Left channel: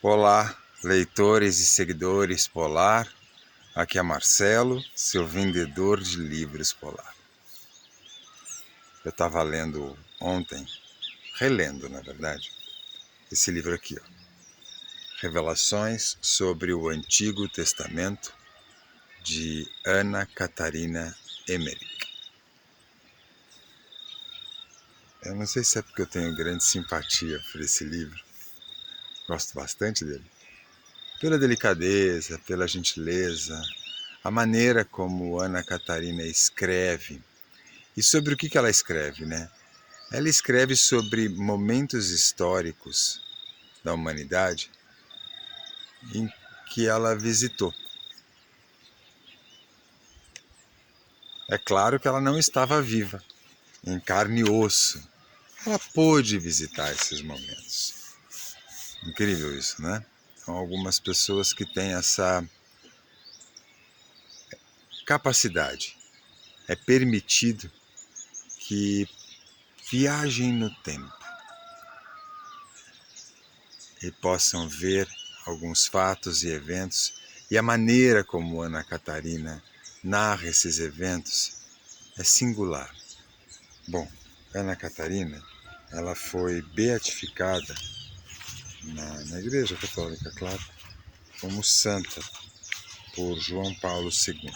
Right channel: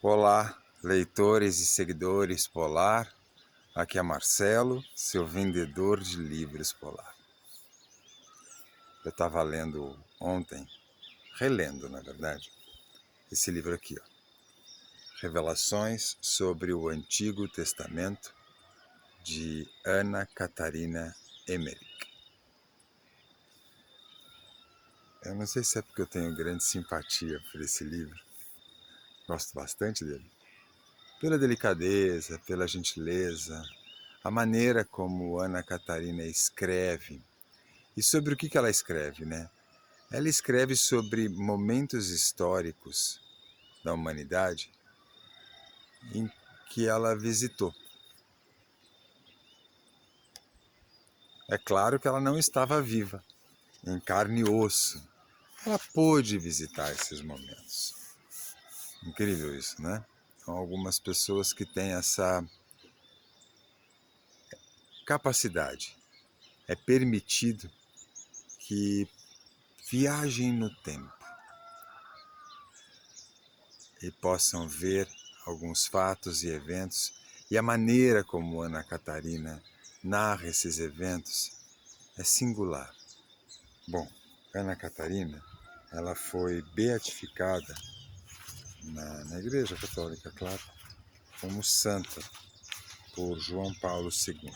Olá, leitores e seguidores Polar. Aqui é Marcelo, seu vendedor de livros Polar. Eu estava lendo ontem, relendo na verdade, esse livro aqui, ó. Revelações sobre o Antigo Testamento, de Ana Catarina Emmerich. Eu não sei se é porque eu tenho grande simpatia por esse livro, gosto bastante dele. Pela delicadeza, pela gentileza, a maneira como Ana Catarina escreve. E sobre o que ela escreve, né? Ela escreve sobre momentos históricos da humanidade em que ela visitou. É claro que ela não estava viva, em carne e osso. Ela pôde visitar esses momentos. Incrível isso, né? São algumas pessoas que têm essa capacidade. É permitido que viajem no tempo e possam ver alguns fatos e eventos, e a maneira como Ana Catarina narra esses eventos é singular. Bom, Ana Catarina, ela foi beatificada na Igreja Católica, claro, como santa por João Paulo II.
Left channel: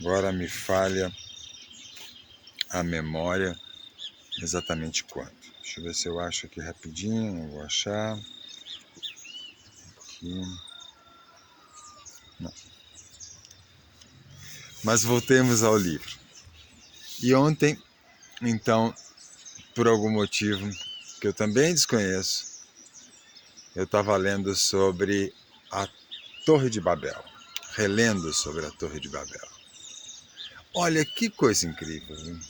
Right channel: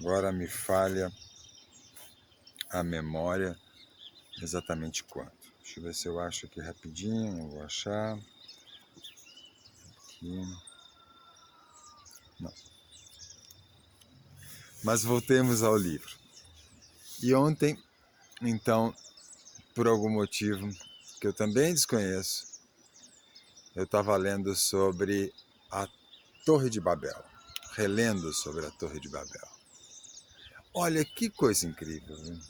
Agora me falha a memória exatamente quando. Deixa eu ver se eu acho aqui rapidinho, vou achar. Aqui. Não. Mas voltemos ao livro. E ontem, então, por algum motivo que eu também desconheço, eu estava lendo sobre a Torre de Babel, relendo sobre a Torre de Babel. Olha que coisa incrível, hein?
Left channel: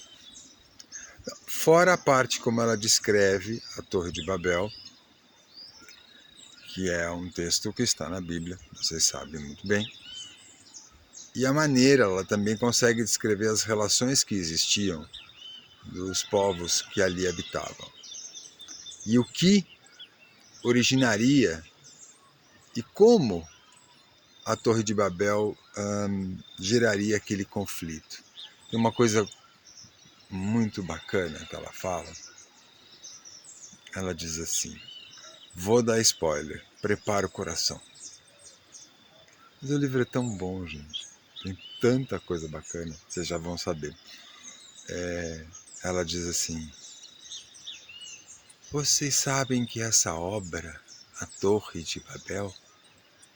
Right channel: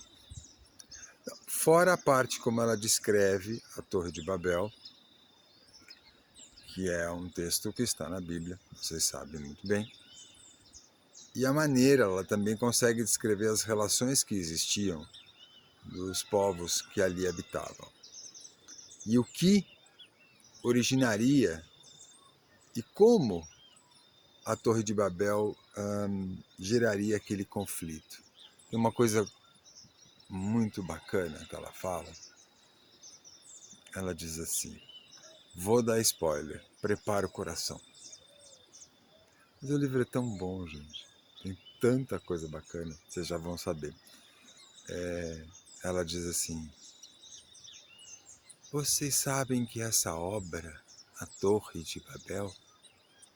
Fora a parte como ela descreve a Torre de Babel, que é um texto que está na Bíblia, vocês sabem muito bem, e a maneira, ela também consegue descrever as relações que existiam dos povos que ali habitavam. E o que originaria e como a Torre de Babel geraria aquele conflito. Tem uma coisa muito bacana que ela fala. Ela diz assim: vou dar spoiler, prepara o coração. Mas o livro é tão bom, gente. Tem tanta coisa bacana, vocês já vão saber. Ela diz assim: vocês sabem que essa obra, a Torre de Babel,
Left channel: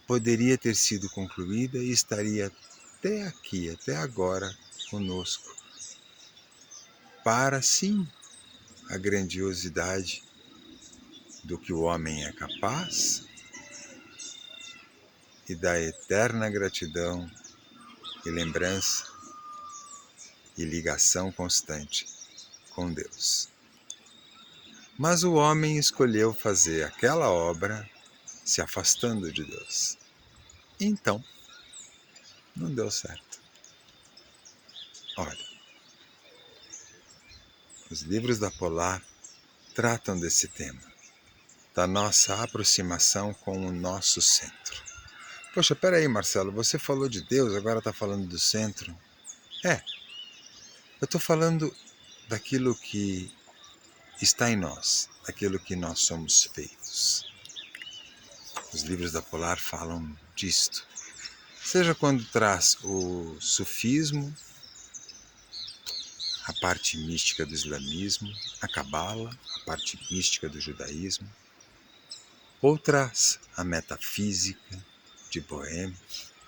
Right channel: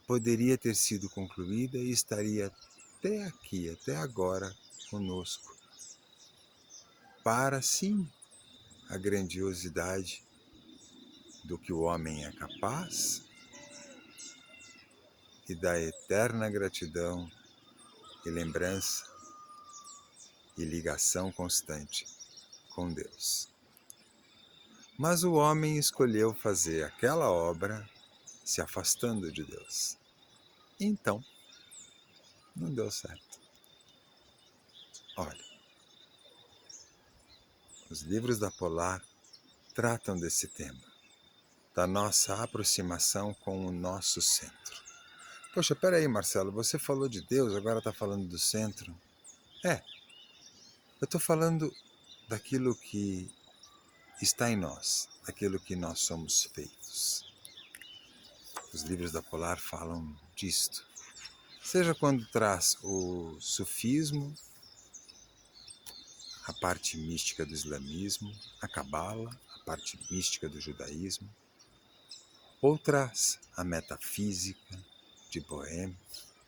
poderia ter sido concluída e estaria até aqui, até agora, conosco, para sim a grandiosidade do que o homem é capaz e da eterna gratidão e lembrança e ligação constante com Deus. Mas o homem escolheu fazer aquela obra se afastando de Deus. Então, não deu certo. Olha, os livros da Polar tratam desse tema, da nossa aproximação com o nosso centro. Poxa, peraí, Marcelo, você falou de Deus, agora está falando do centro? Eu estou falando daquilo que está em nós, daquilo que nós somos feitos. Os livros da Polar falam disto. Seja quando traz o sufismo, a parte mística do islamismo, a cabala, a parte mística do judaísmo, ou traz a metafísica de Boehme,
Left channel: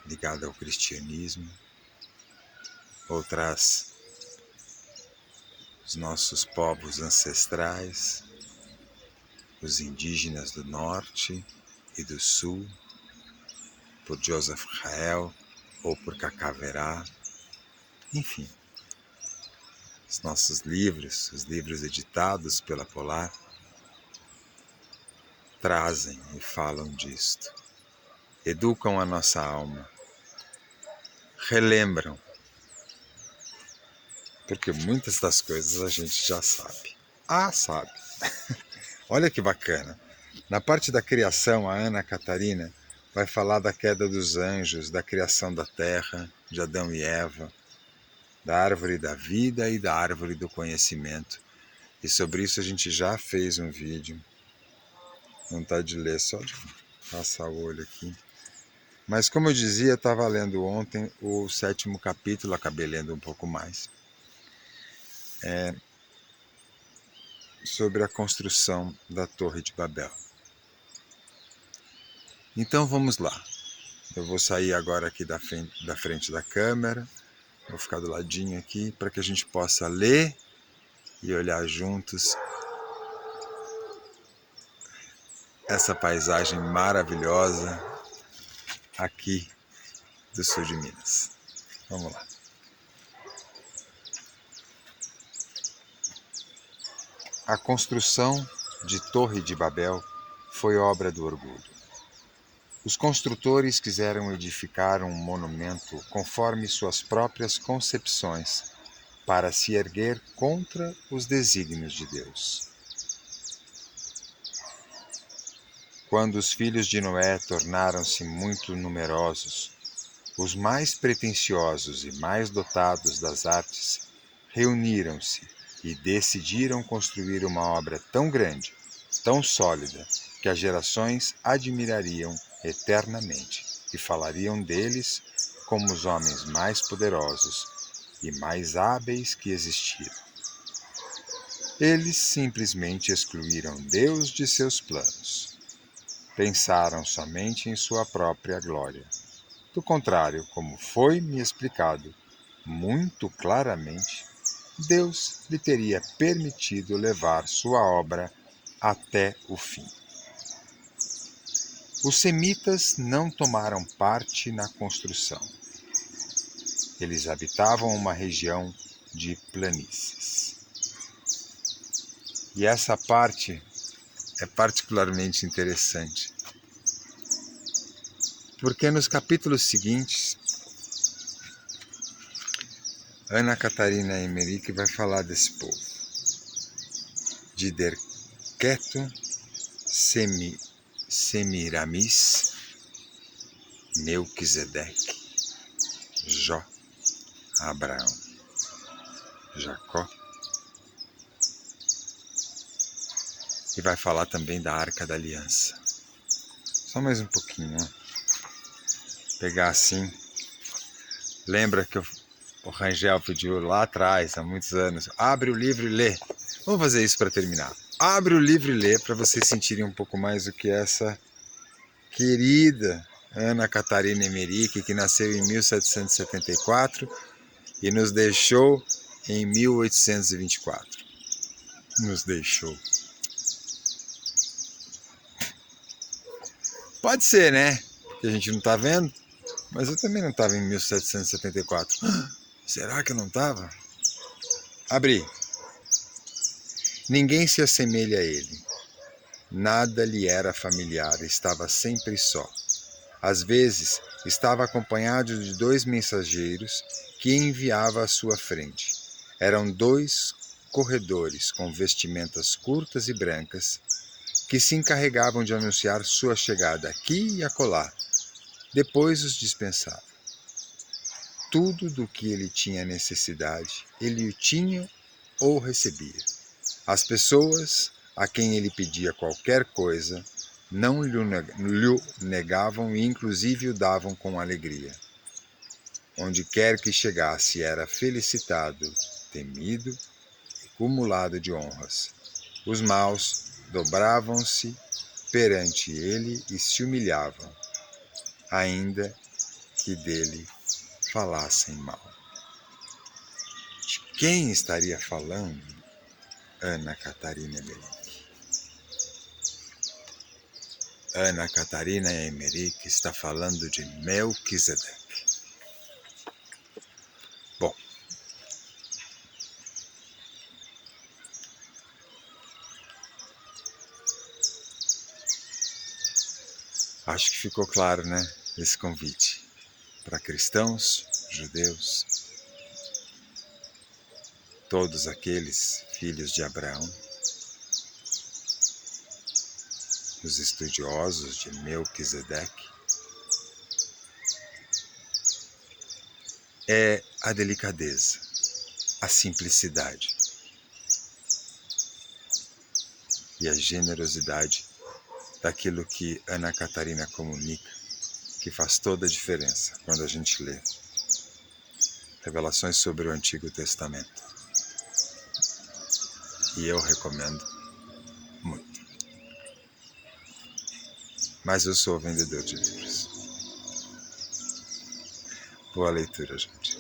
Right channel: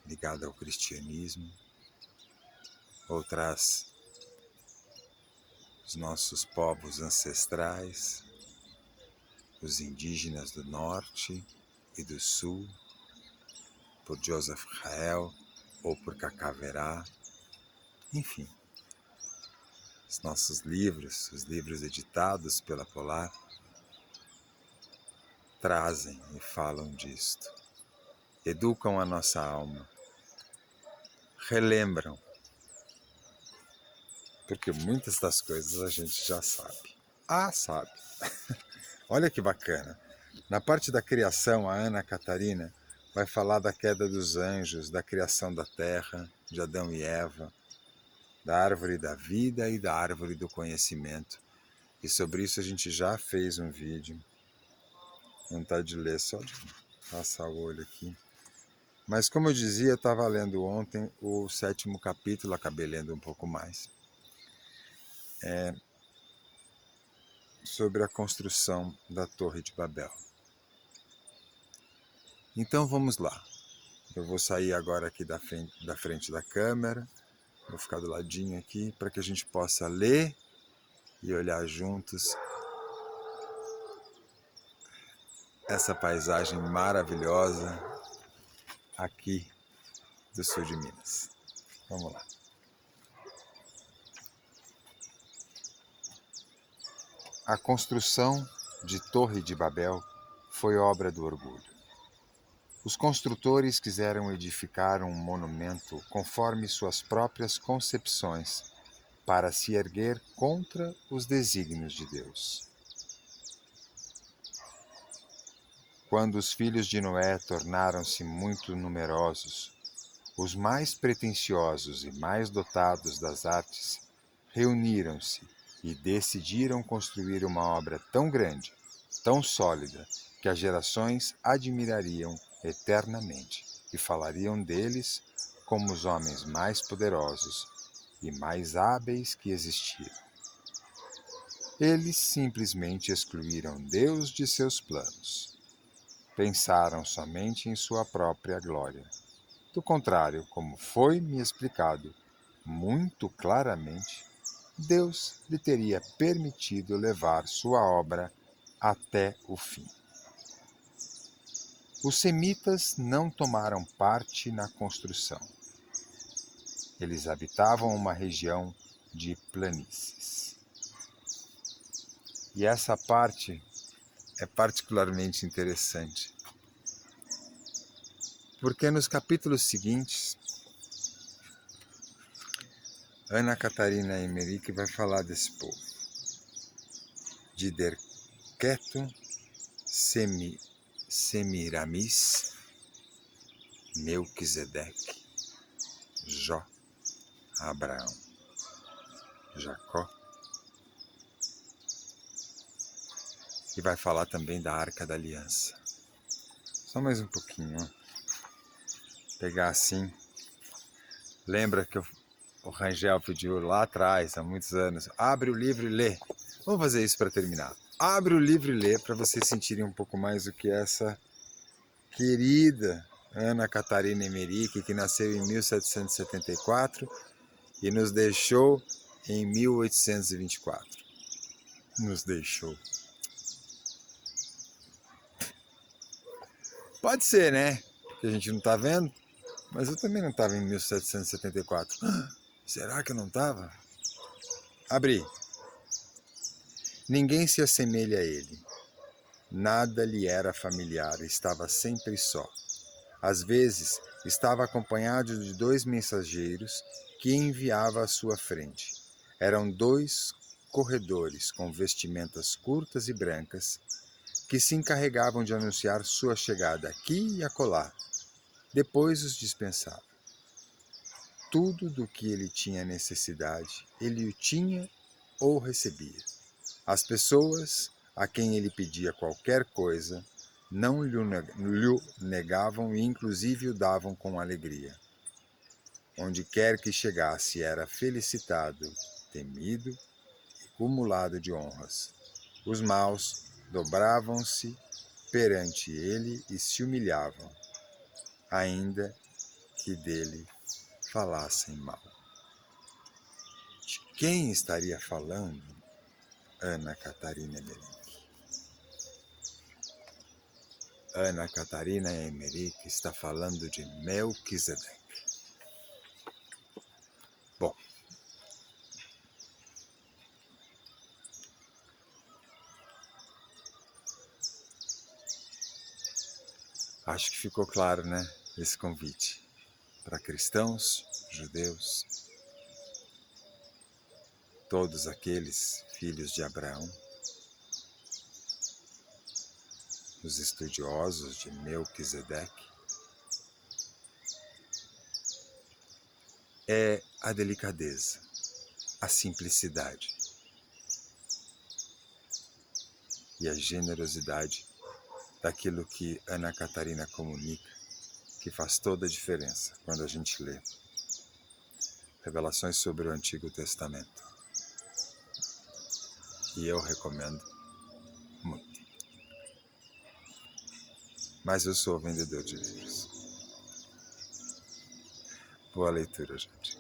ligada ao cristianismo, ou traz os nossos povos ancestrais, os indígenas do norte e do sul, por Joseph Rael ou por Cacá Verá, enfim. Os nossos livros, os livros editados pela Polar, trazem e falam disto. Educam a nossa alma, relembram, porque muitas das coisas a gente já sabe. Sabe. Olha que bacana. Na parte da criação, a Ana Catarina vai falar da queda dos anjos, da criação da terra, de Adão e Eva, da árvore da vida e da árvore do conhecimento. E sobre isso a gente já fez um vídeo. Vontade de ler, só de passar o olho aqui. Mas como eu dizia, estava lendo ontem o 7º capítulo, acabei lendo um pouco mais. Sobre a construção da Torre de Babel. Então vamos lá. Eu vou sair agora aqui da frente da câmera, vou ficar do ladinho aqui para que a gente possa ler e olhar juntos essa paisagem maravilhosa aqui do sul de Minas. Vamos lá. A construção de Torre de Babel foi obra do orgulho. Os construtores quiseram edificar um monumento conforme suas próprias concepções, para se erguer contra os desígnios de Deus. Quando os filhos de Noé tornaram-se muito numerosos, os mais pretensiosos e mais dotados das artes reuniram-se e decidiram construir uma obra tão grande, tão sólida, que as gerações admirariam eternamente e falariam deles como os homens mais poderosos e mais hábeis que existiram. Eles simplesmente excluíram Deus de seus planos. Pensaram somente em sua própria glória. Do contrário, como foi-me explicado muito claramente, Deus lhe teria permitido levar sua obra até o fim. Os semitas não tomaram parte na construção. Eles habitavam uma região de planícies. E essa parte é particularmente interessante, porque nos capítulos seguintes, Ana Catarina Emerick vai falar desse povo, de Derketo, Semiramis, Melquisedeque, Jó, Abraão, Jacó. E vai falar também da Arca da Aliança. Só mais um pouquinho, ó. Pegar assim. Lembra que o Rangel pediu lá atrás, há muitos anos, abre o livro e lê. Vamos fazer isso para terminar. Abre o livro e lê para vocês sentirem um pouco mais o que essa querida Ana Catarina Emerick, que nasceu em 1774 e nos deixou em 1824. Nos deixou. Pode ser, né? Que a gente não está vendo, mas eu também não estava em 1774. Será que eu não estava? Abri. Ninguém se assemelha a ele. Nada lhe era familiar, estava sempre só. Às vezes, estava acompanhado de 2 mensageiros que enviava à sua frente. Eram 2 corredores com vestimentas curtas e brancas que se encarregavam de anunciar sua chegada aqui e acolá. Depois os dispensava. Tudo do que ele tinha necessidade, ele o tinha ou recebia. As pessoas a quem ele pedia qualquer coisa não lhe negavam e inclusive o davam com alegria. Onde quer que chegasse era felicitado, temido e cumulado de honras. Os maus dobravam-se perante ele e se humilhavam, ainda que dele falassem mal. De quem estaria falando Ana Catarina Emerick? Ana Catarina Emerick está falando de Melquisedeque. Bom, acho que ficou claro, né? Esse convite para cristãos, judeus, todos aqueles filhos de Abraão, os estudiosos de Melquisedeque, é a delicadeza, a simplicidade e a generosidade daquilo que Ana Catarina comunica, que faz toda a diferença quando a gente lê revelações sobre o Antigo Testamento. E eu recomendo muito. Mas eu sou vendedor de livros. Boa leitura, gente.